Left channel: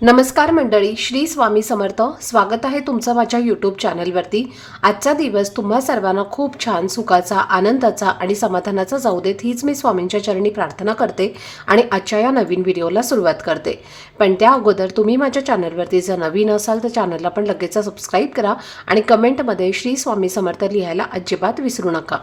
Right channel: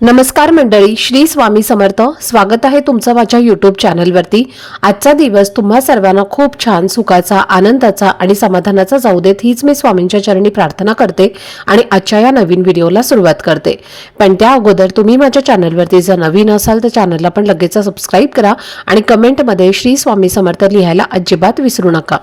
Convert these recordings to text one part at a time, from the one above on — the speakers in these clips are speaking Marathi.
नमस्कार मंडळी श्री स्वामी समर्थ. स्वागत आहे तुमचं माझ्या यूट्यूब चॅनलवरती आजचा दिवस तुम्हा सर्वांना खूप छान सुखाचा आनंदाचा आणि समाधानाचा जाऊ देत हीच मी स्वामींच्या चरणी प्रार्थना करते आणि आजच्या या नवीन व्हिडिओला सुरुवात करते. पण त्या अगोदर तुम्ही माझ्या चॅनलवरती जर नवीन असाल तर चॅनलला पण लगेच सबस्क्राईब करा आणि कमेंटमध्ये श्री स्वामी समर्थ लिहायला अजिबात विसरू नका.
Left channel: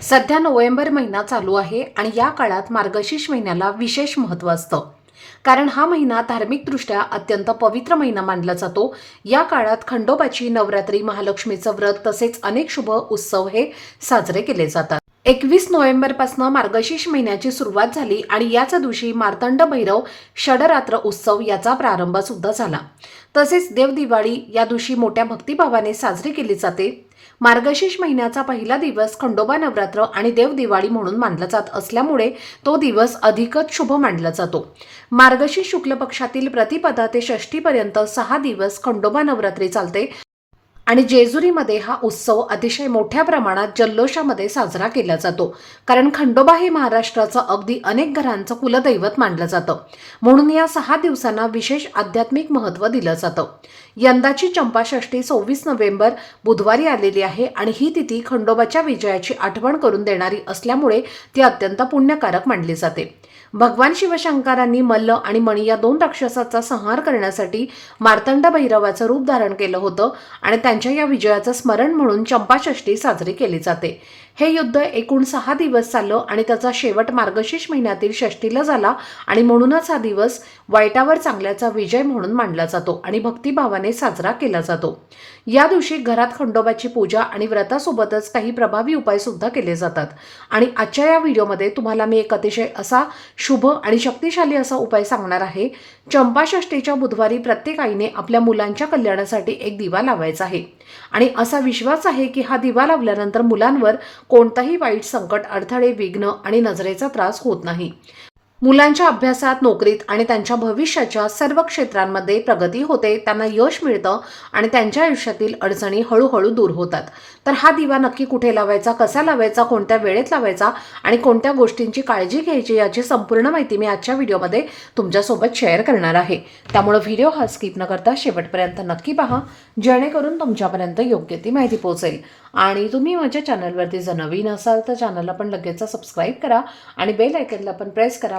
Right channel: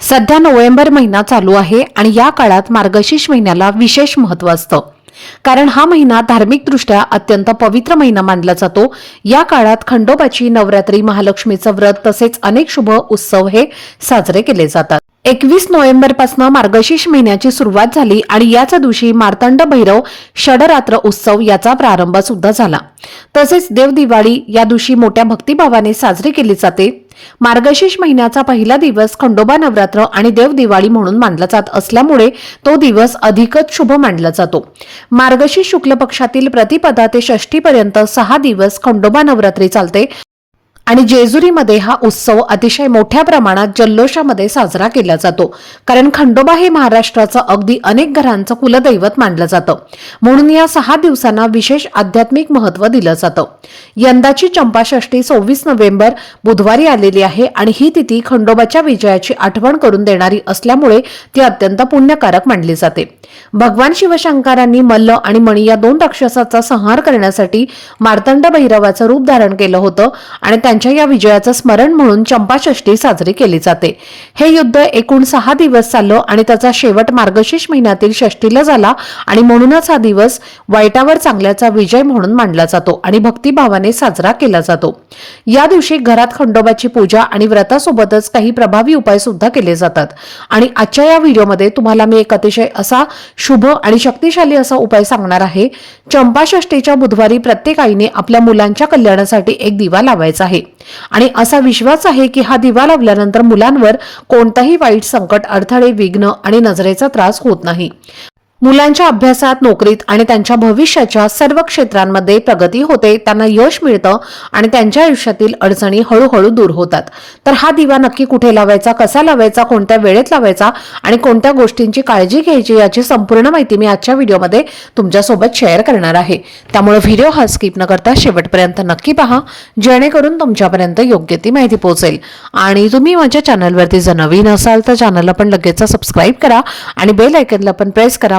सध्या नोव्हेंबर महिना चालू आहे आणि या काळात मार्गशीर्ष महिन्याला विशेष महत्त्व असतं. कारण हा महिना धार्मिकदृष्ट्या अत्यंत पवित्र महिना मानला जातो. या काळात खंडोबाची नवरात्री महालक्ष्मीचं व्रत तसेच अनेक शुभ उत्सव हे साजरे केले जातात. एकवीस नोव्हेंबरपासून मार्गशीर्ष महिन्याची सुरुवात झाली आणि याच दिवशी मार्तंड भैरव षडरात्र उत्सव याचा प्रारंभ सुद्धा झाला. तसेच देवदिवाळी या दिवशी मोठ्या भक्तिभावाने साजरी केली जाते. मार्गशीर्ष महिन्याचा पहिला दिवस खंडोबा नवरात्र आणि देवदिवाळी म्हणून मानला जात असल्यामुळे तो दिवस अधिकच शुभ मानला जातो. मार्गशीर्ष शुक्ल पक्षातील प्रतिपदा ते षष्टीपर्यंत सहा दिवस खंडोबा नवरात्री चालते. आणि जेजुरीमध्ये हा उत्सव अतिशय मोठ्या प्रमाणात जल्लोषामध्ये साजरा केला जातो. कारण खंडोबा हे महाराष्ट्राचं अगदी अनेक घरांचं कुलदैवत मानलं जातं. म्हणून या सहा दिवसांना विशेष आध्यात्मिक महत्त्व दिलं जातं. यंदाची चंपाषष्ठी सव्वीस नोव्हेंबर बुधवारी आलेली आहे आणि ही तिथी खंडोबाच्या विजयाची आठवण करून देणारी असल्यामुळे ती अत्यंत पुण्यकारक मानली जाते. भगवान शिवशंकरांनी मल्ल आणि मणी या दोन राक्षसाचा संहार करण्यासाठी मार्तंड भैरवाचं रूप धारण केलं होतं आणि त्यांच्या या विजयाचं स्मरण म्हणून चंपाषष्ठी साजरी केली जाते. हे युद्ध एकूण सहा दिवस चाललं आणि त्याचा शेवट मार्गशीर्ष महिन्यातील षष्टीला झाला आणि म्हणूनच हा दिवस वाईटावर चांगल्याचा विजय म्हणून मानला जातो आणि भक्तिभावाने साजरा केला जातो. या दिवशी घरात खंडोबाची पूजा आणि व्रतासोबतच काही प्रभावी उपाय सुद्धा केले जातात. आणि आजच्या या व्हिडिओमध्ये तुम्हाला मी एक अतिशय असा शुभ आणि शक्तिशाली असा उपाय सांगणार आहे. चंपाषष्टीच्या बुधवारी प्रत्येक आईने आपल्या मुलांच्या कल्याणासाठी एक दिवा लावायचा आहे. आणि असा विश्वास आहे की हा दिवा लावल्यानंतर मुलांवर कोणताही वाईट संकट अडथळे विघ्न आणि नजरेचा त्रास होत नाही. मुलांच्या अभ्यासात नोकरीत आणि त्यांच्या भविष्याच्या सर्व क्षेत्रांमध्ये प्रगती होते त्यांना यश मिळतं आणि त्यांच्या आयुष्यातील अडचणी हळूहळू दूर होतात. तर हा दिवा नक्की कुठे लावायचा कसा लावायचा कोणत्या वेळेत लावायचा आणि कोणत्या गोष्टींची काळजी घ्यायची याची संपूर्ण माहिती मी आजच्या व्हिडिओमध्ये तुमच्यासोबत शेअर करणार आहे. त्यामुळे व्हिडिओ हा स्किप न करता शेवटपर्यंत नक्की पहा जेणेकरून तुमच्यापर्यंत योग्य ती माहिती पोहोचेल. आणि तुम्ही माझ्या चॅनलवरती जर नवीन असाल तर चॅनलला पण लगेच सबस्क्राईब करा आणि बेल आयकनला पण प्रेस करा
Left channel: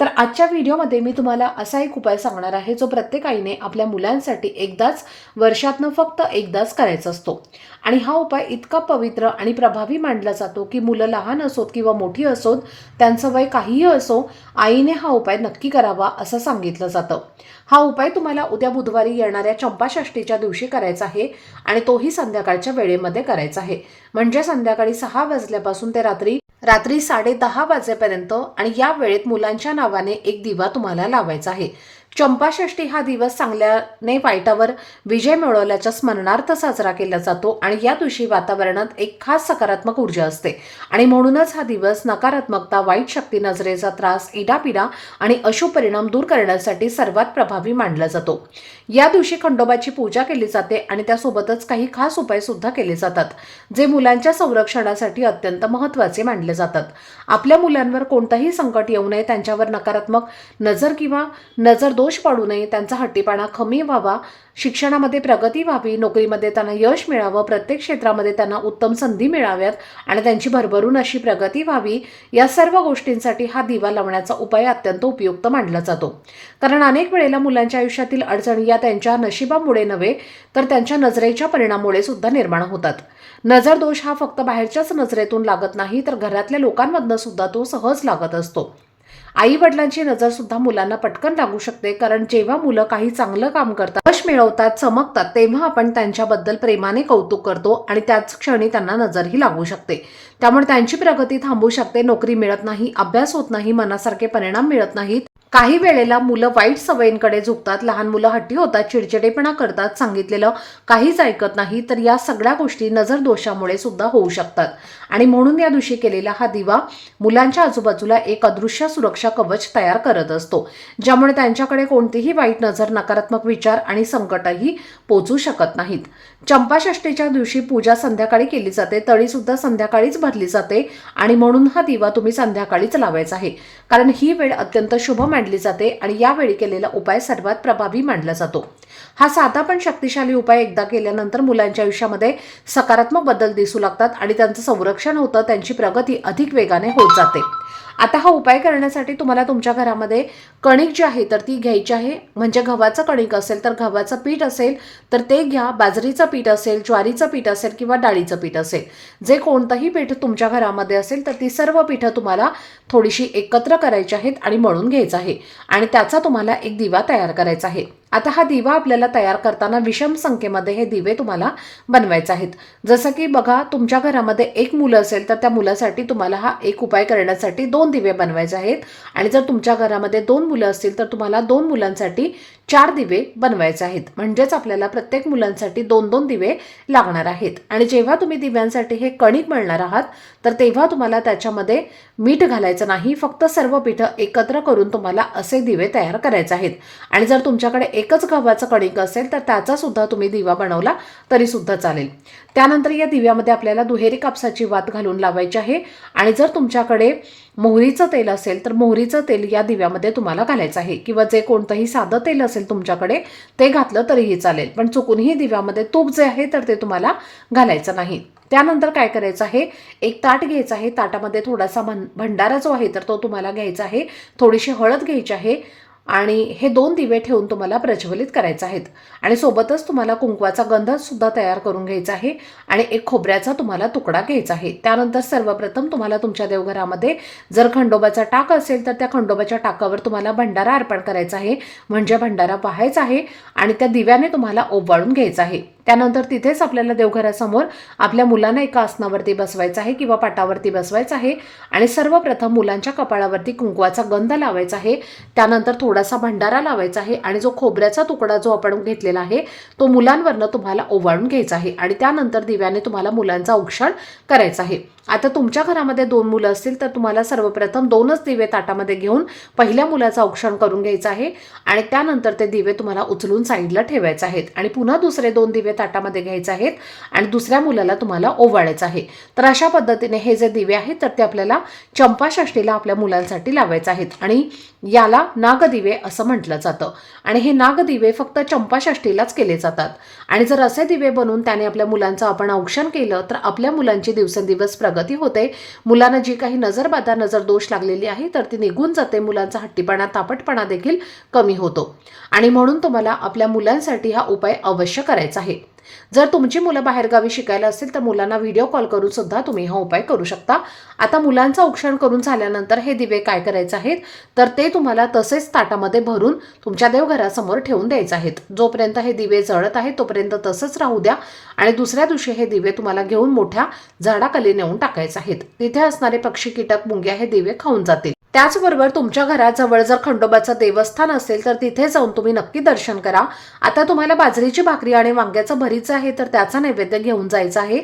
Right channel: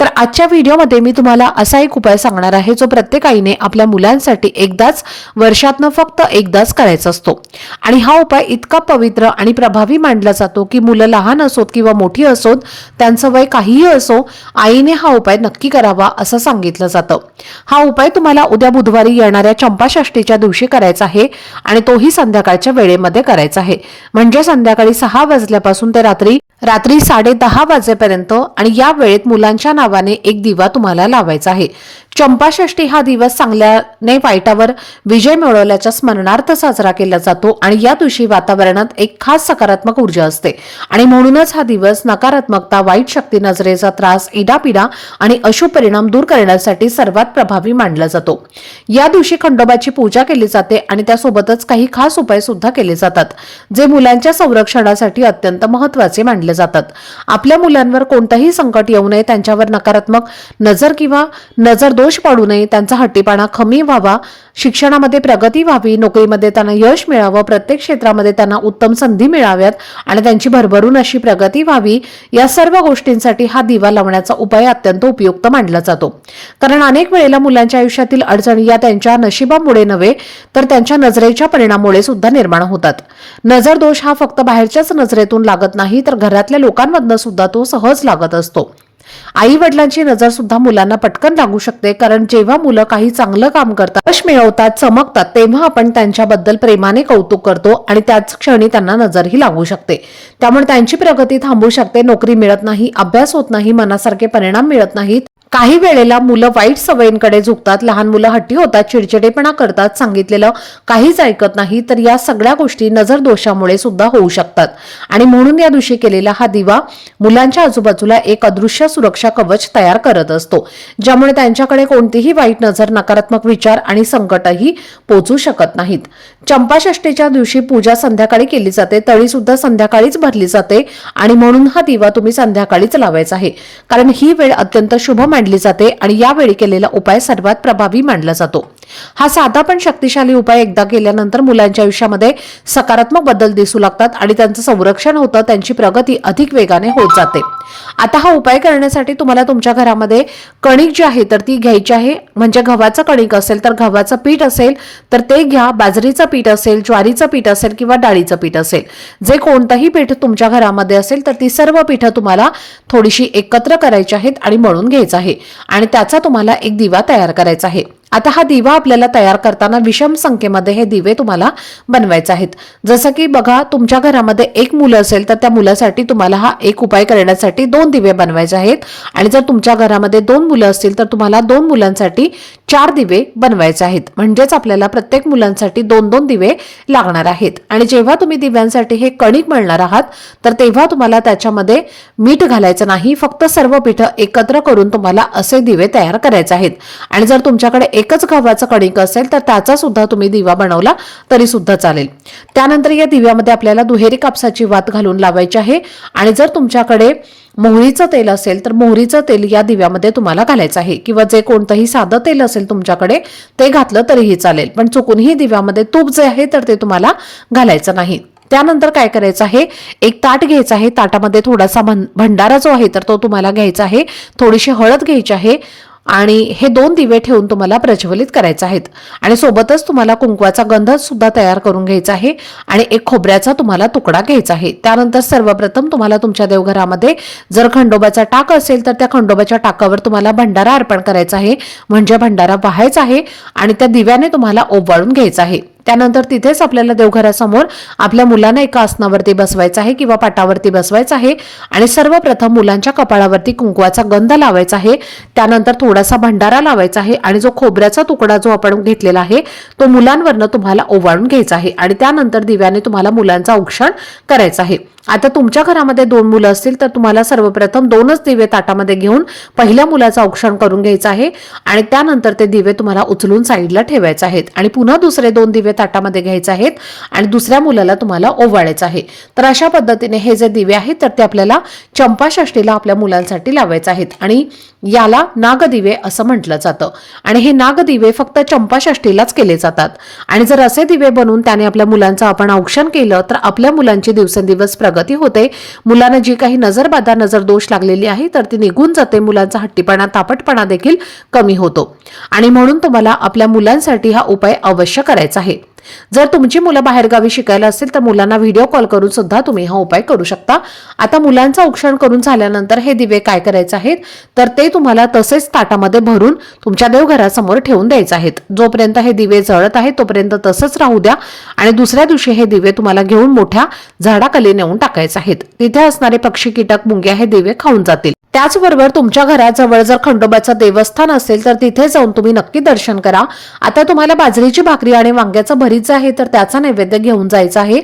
तर आजच्या व्हिडिओमध्ये मी तुम्हाला असा एक उपाय सांगणार आहे जो प्रत्येक आईने आपल्या मुलांसाठी एकदाच वर्षातनं फक्त एकदाच करायचा असतो. आणि हा उपाय इतका पवित्र आणि प्रभावी मानला जातो की मुलं लहान असोत किंवा मोठी असोत त्यांचं वय काहीही असो आईने हा उपाय नक्की करावा असं सांगितलं जातं. हा उपाय तुम्हाला उद्या बुधवारी येणाऱ्या चंपाषष्टीच्या दिवशी करायचा आहे आणि तोही संध्याकाळच्या वेळेमध्ये करायचा आहे. म्हणजे संध्याकाळी सहा वाजल्यापासून ते रात्री रात्री साडे दहा वाजेपर्यंत आणि या वेळेत मुलांच्या नावाने एक दिवा तुम्हाला लावायचा आहे. चंपाषष्ठी हा दिवस चांगल्याने वाईटावर विजय मिळवल्याच्या स्मरणार्थ साजरा केला जातो आणि या दिवशी वातावरणात एक खास सकारात्मक ऊर्जा असते. आणि म्हणूनच हा दिवस नकारात्मकता वाईट शक्ती नजरेचा त्रास इडापिडा आणि अशुभ परिणाम दूर करण्यासाठी सर्वात प्रभावी मानला जातो. या दिवशी खंडोबाची पूजा केली जाते आणि त्यासोबतच काही खास उपाय सुद्धा केले जातात जे मुलांच्या संरक्षणासाठी अत्यंत महत्त्वाचे मानले जातात. आपल्या मुलांवर कोणतंही संकट येऊ नये त्यांच्यावर नकारात्मक नजर किंवा नजर दोष पडू नये त्यांचा हट्टीपाणा कमी व्हावा शिक्षणामध्ये प्रगती व्हावी नोकरीमध्ये त्यांना यश मिळावं प्रत्येक क्षेत्रामध्ये त्यांना उत्तम संधी मिळाव्यात आणि त्यांची भरभरून अशी प्रगती व्हावी या सर्व गोष्टींसाठी हा दिवा लावण्याचा उपाय अत्यंत उपयुक्त मानला जातो. कारण अनेक वेळेला मुलांच्या आयुष्यातील अडचणी या त्यांच्या नशिबामुळे नव्हे तर त्यांच्या नजरेच्या परिणामामुळे सुद्धा निर्माण होतात. नजर दोष हा फक्त बाहेरच्याच नजरेतून लागत नाही तर घरातल्या लोकांमधनं सुद्धा तो सहज लागत असतो. आई वडिलांची नजर सुद्धा मुलांना पटकन लागू शकते कारण जेव्हा मुलं काही चांगलं काम करतात यश मिळवतात चमकतात तेव्हा आपण त्यांच्याबद्दल प्रेमाने कौतुक करतो आणि त्याच क्षणी त्यांना नजरही लागू शकते. त्यामुळे त्यांची प्रगती थांबू शकते नोकरी मिळत नाही अभ्यास होत नाही मनासारखे परिणाम मिळत नाहीत. काही वेळेला मुलं वाईट सवयींकडे झुकतात लहान मुलं हट्टी होतात चिडचिडेपणा करतात सांगितलेलं काहीच ऐकत नाही तर या सगळ्या गोष्टी नजर दोषामुळे सुद्धा होऊ शकतात. आणि म्हणून या दिवशी केलेला हा दिवा मुलांच्या आजूबाजूला एक अदृश्य सुरक्षा कवच तयार करत असतो ज्यामुळे त्यांच्याकडे कोणतीही वाईट नजर नकारात्मक विचार आणि संकटही पोचू शकत नाहीत. चंपाषष्टीच्या दिवशी पूजा संध्याकाळी केली जाते तळी सुद्धा संध्याकाळीच भरली जाते आणि म्हणून हा दिवा तुम्ही संध्याकाळीच लावायचा आहे. कारण ही वेळ अत्यंत शुभ मानली जाते आणि यावेळी केलेला उपाय सर्वात प्रभावी मानला जातो. हा साधा पण शक्तिशाली उपाय एकदा केल्यानंतर मुलांच्या आयुष्यामध्ये सकारात्मक बदल दिसू लागतात आणि त्यांचं संरक्षण होतं त्यांची प्रगती अधिक वेगाने होत जाते. आता हा उपाय करण्यासाठी तुम्हाला तुमच्या घरामध्ये कणिक जी आहे तर ती घ्यायची आहे. म्हणजे गव्हाचं कणिक असेल तर गव्हाचं पीठ असेल तर ते घ्या. बाजरीचं पीठ असेल ज्वारीचं पीठ असेल किंवा डाळीचं पीठ असेल. जे कोणतंही पीठ तुमच्या घरामध्ये असेल तर ती सर्व पीठं तुम्हाला थोडीशी एकत्र करायची आहेत आणि मळून घ्यायचं आहे. आणि त्याचा तुम्हाला एक दिवा तयार करायचा आहे. आता हा दिवा आपल्याला तयार करताना विषम संख्येमध्ये हे दिवे तुम्हाला बनवायचे आहेत. जसं की बघा तुमच्या घरामध्ये एक मुलं असेल तर त्या मुलासाठी तुम्हाला हा एक उपाय करण्यासाठी दोन दिवे बनवायचे आहेत. आणि जर तुमच्या घरामध्ये दोन मुलं असतील तर तुम्हाला दोन मुलांसाठी चार दिवे बनवायचे आहेत. म्हणजेच आपल्याला प्रत्येक मुलांसाठी दोन दोन दिवे लागणार आहेत. आणि जेव्हा तुम्ही दिव्यांसाठी हे कणिक मळणार आहात तर तेव्हा तुम्हाला त्याच्यामध्ये मीठ घालायचं नाही. फक्त सर्व पिठं एकत्र करून तुम्हाला असे दिवे तयार करायचे आहेत. आणि जर तुमच्याकडे एकच गव्हाचं कणिक असेल तर त्याचा सुद्धा तुम्ही दिवा बनवला तरी सुद्धा चालेल. त्यानंतर या दिव्यामध्ये आपल्याला दुहेरी कापसाची वात घालून लावायची आहे. आणि जर तुमच्याकडे मोहरीचं तेल असेल तर मोहरीचं तेल या दिव्यामध्ये तुम्हाला घालायचं आहे. किंवा जे कोणतंही साधं तेल असेल तुमच्याकडे ते घातलं तरीही चालेल. पण चुकूनही दिव्यामध्ये तूप जे आहे तर ते तुम्हाला घालायचं नाही. त्यानंतर काय करायचं आहे? एक ताट घ्यायचं आहे. ताटामध्ये थोडासा भंडारा जो आहे तर तो तुम्हाला घ्यायचा आहे. थोडीशी हळद घ्यायची आहे. आणि हे दोन दिवे ठेवून तुम्हाला प्रज्वलित करायचे आहेत. आणि सोबतच तुम्हाला कुंकवाचा गंध सुद्धा तयार करून घ्यायचा आहे आणि एक खोबऱ्याचा तुम्हाला तुकडा घ्यायचा आहे. त्यानंतर सर्वप्रथम तुम्हाला तुमच्या देवघरामध्ये जर खंडोबाचा टाक असेल तर त्या खंडोबाच्या टाकावर तुम्हाला भंडारा अर्पण करायचा आहे. म्हणजे भंडारा पाहायचा आहे आणि त्या दिव्याने तुम्हाला ओवाळून घ्यायचा आहे. त्यानंतर तिथेच आपल्याला देवघरासमोर आपल्या मुलांना एका आसनावरती बसवायचं आहे किंवा पाटावरती बसवायचं आहे आणि सर्वप्रथम मुलांच्या कपाळावरती कुंकवाचा गंध लावायचा आहे. त्यानंतर थोडासा भंडारा लावायचा आहे आणि जो खोबऱ्याचा तुकडा जो आपण घेतलेला आहे तो मुलांवरनं तुम्हाला ओवाळून घ्यायचा आहे आणि त्यानंतर दिव्याने तुम्हाला मुलांचा औक्षण करायचं आहे. आता तुमच्या घरामध्ये दोन मुलं असतील तर तुम्हाला सर्वप्रथम दोनच दिवे ताटामध्ये घेऊन पहिल्या मुलाचं औक्षण करून घ्यायचं आहे आणि त्यानंतर ते दिवे तुम्हाला उचलून साईडला ठेवायचे आहेत. आणि पुन्हा दुसरे दोन दिवे ताटामध्ये घ्यायचे आहेत आणि दुसऱ्या मुलाला तुम्हाला ओवाळायचं आहे. तर अशा पद्धतीने हे जे दिवे आहेत तर ते आपल्याला चंपाषष्टीला आपल्या मुलांसाठी लावायचे आहेत. आणि याला नागदिवे असं म्हटलं जातं. आणि हे नागदिवे फक्त चंपाषष्टीलाच केले जातात. आणि जर असे दिवे बनवून त्याने आपल्या मुलांचं आपण औक्षण केलं तर आपल्या मुलांची दिवसेंदिवस प्रगती होते. मुलांना जी काही नजरबाधा नजर दोष लागलेली आहे तर ती निघून जाते. मुलांचा हट्टीपणा तापटपणा देखील कमी होतो. आणि म्हणून तुम्हाला आपल्या मुलांसाठी हा उपाय अवश्य करायचा आहे. जर तुमची मुलं बाहेरगावी शिकायला असतील तर मुलांना व्हिडिओ कॉल करून सुद्धा तुम्ही हा उपाय करू शकता. आता मुलांचं औक्षण करून झाल्यानंतर हे दिवे काय करायचे आहेत? तर ते तुम्हाला तसेच ताटामध्ये भरून तुमच्या देवघरासमोर ठेवून द्यायचे आहेत. जोपर्यंत हे दिवे जळत आहेत तोपर्यंत तसंच राहू द्या. आणि दुसऱ्या दिवशी हे दिवे तुम्हाला घेऊन मोठ्या झाडाखाली नेऊन टाकायचे आहेत. तिथे असणारे पक्षी कीटक मुंग्या हे दिवे खाऊन जातील. त्याचबरोबर तुमच्या घराजवळ जर खंडोबाचं देवस्थान असेल तर तिथे जाऊन तुम्ही नक्की दर्शन करा. आता तुम्हाला बाजरीची भाकरी आणि वांग्याचं भरीच आहे तर त्याचा नैवेद्य घेऊन जायचा आहे.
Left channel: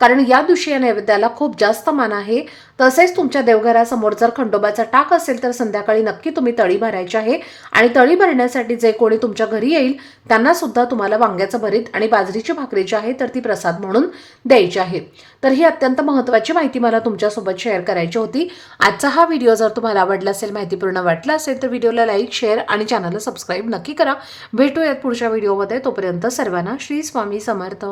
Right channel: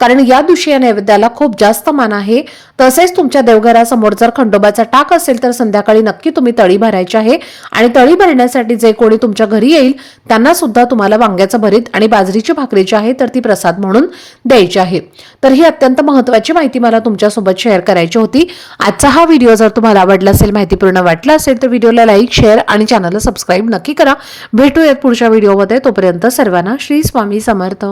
कारण या दिवशी या नैवेद्याला खूप जास्त मान आहे. तसेच तुमच्या देवघरासमोर जर खंडोबाचा टाक असेल तर संध्याकाळी नक्की तुम्ही तळी भरायची आहे. आणि तळी भरण्यासाठी जे कोणी तुमच्या घरी येईल त्यांना सुद्धा तुम्हाला वांग्याचं भरीत आणि बाजरीची भाकरी जी आहे तर ती प्रसाद म्हणून द्यायची आहे. तर ही अत्यंत महत्वाची माहिती मला तुमच्यासोबत शेअर करायची होती. आजचा हा व्हिडिओ जर तुम्हाला आवडला असेल माहितीपूर्ण वाटला असेल तर व्हिडिओला लाईक शेअर आणि चॅनलला सबस्क्राईब नक्की करा. भेटूयात पुढच्या व्हिडिओमध्ये. तोपर्यंत सर्वांना श्री स्वामी समर्थ.